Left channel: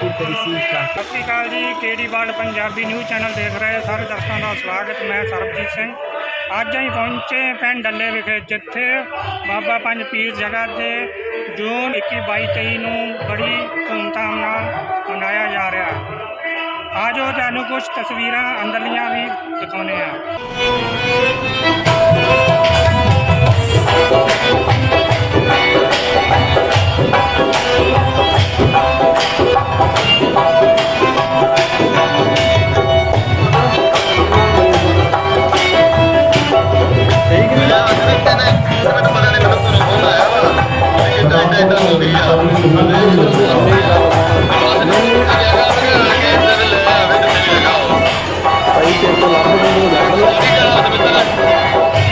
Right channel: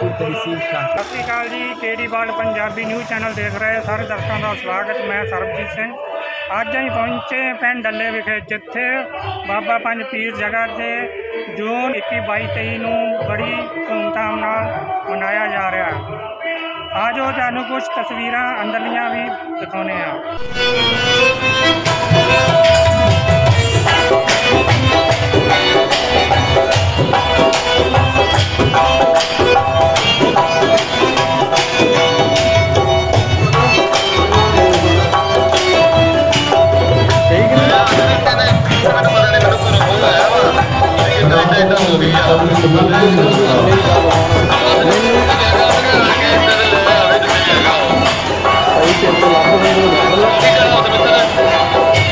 23 ਸੀ start ਸਤਿ ਸ਼੍ਰੀ ਅਕਾਲ ਜੀ, KD world Punjabi news channel ਦੇਖ ਰਹੇ ਸਾਰੇ ਦਰਸ਼ਕਾਂ ਦਾ ਸਵਾਗਤ, ਮੈਂ ਸਰਬਜੀਤ ਸਿੰਘ। ਅੱਜ ਅਸੀਂ ਪਹੁੰਚੇ ਪਿੰਡ ਡੱਲੇ ਵਿਖੇ, ਜਿੱਥੇ ਬਾਬਾ ਪੰਜ ਪੀਰ ਜਗ੍ਹਾ ਤੇ ਜੂਨ 21 22 23 ਨੂੰ ਬੜੀ ਧੂਮਧਾਮ ਨਾਲ ਮਨਾਇਆ ਜਾ ਰਿਹਾ ਹੈ। ਆਜੋ, ਤੁਹਾਨੂੰ ਕੁਝ ਤਸਵੀਰਾਂ ਅੰਦਰਲੀਆਂ ਵੀ ਦਿਖਾਉਂਦੇ ਆ ਕਿ ਇਦਾਂ ਹੋ ਗਈ ਆ। ਮੈਨੂੰ ਤੇ ਭਾਈ ਤੇਰੇ ਤੋਂ ਲੱਭ ਨੂੰ ਲੱਭ ਲਾ।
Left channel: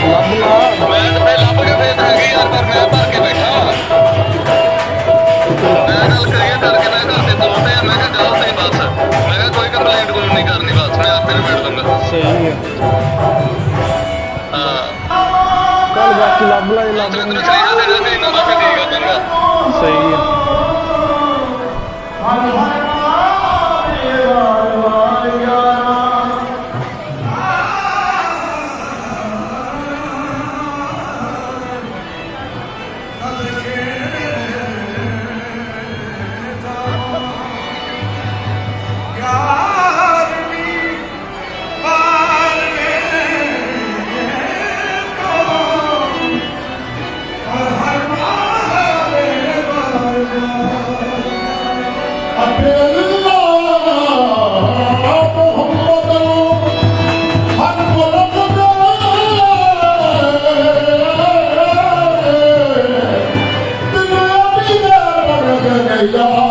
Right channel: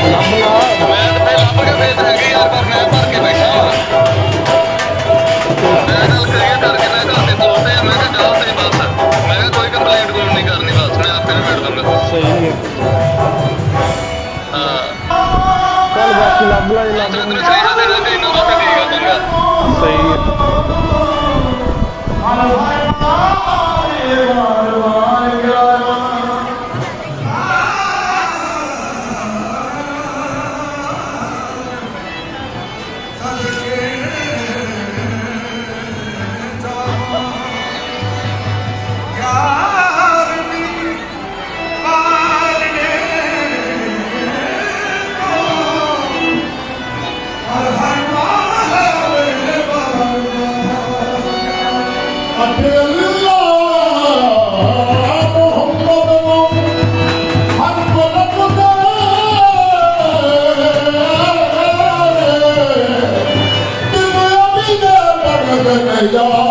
ਲੱਭ ਲਾ। ਮੈਂ ਤਾਂ ਫੇਰ ਲੱਭ ਕੇ ਫੇਰ ਤਾਂ ਹੈਗੀ ਯਾਰ ਪਰ ਮੈਂ ਭਰ ਕੇ ਬੈਠਾ ਵਾ। ਮੈਂ ਗੱਲ ਕਰੀਏ ਕਰਕੇ ਮੈਂ ਘਰ ਤੇ ਤੋਰਦੇ ਆ ਮੈਂ ਕਿਹਾ ਜਾਓ ਤੁਸੀਂ ਬਸ। ਮੈਂ ਕਿਹਾ ਕੋਈ ਕੰਪਲੇਂਟ ਕੋਈ ਨਹੀਂ ਕਰਨੀ ਬਸ ਮੈਂ ਆਪੇ ਨਿਬੇੜ ਦੂੰਗਾ। ਸਹੀ ਹੈ ਹਾਂ। ਚੱਲ ਬਾਕੀ ਲੱਭ ਲਾ ਜੇ ਲੱਭ ਤੈਨੂੰ ਸਹੀ ਦੇਣਾ ਤੇ ਇੰਨਾ ਬਾਕੀ ਠੀਕ ਆ ਚੰਗਾ। ਸਹੀ ਹੈ Lord.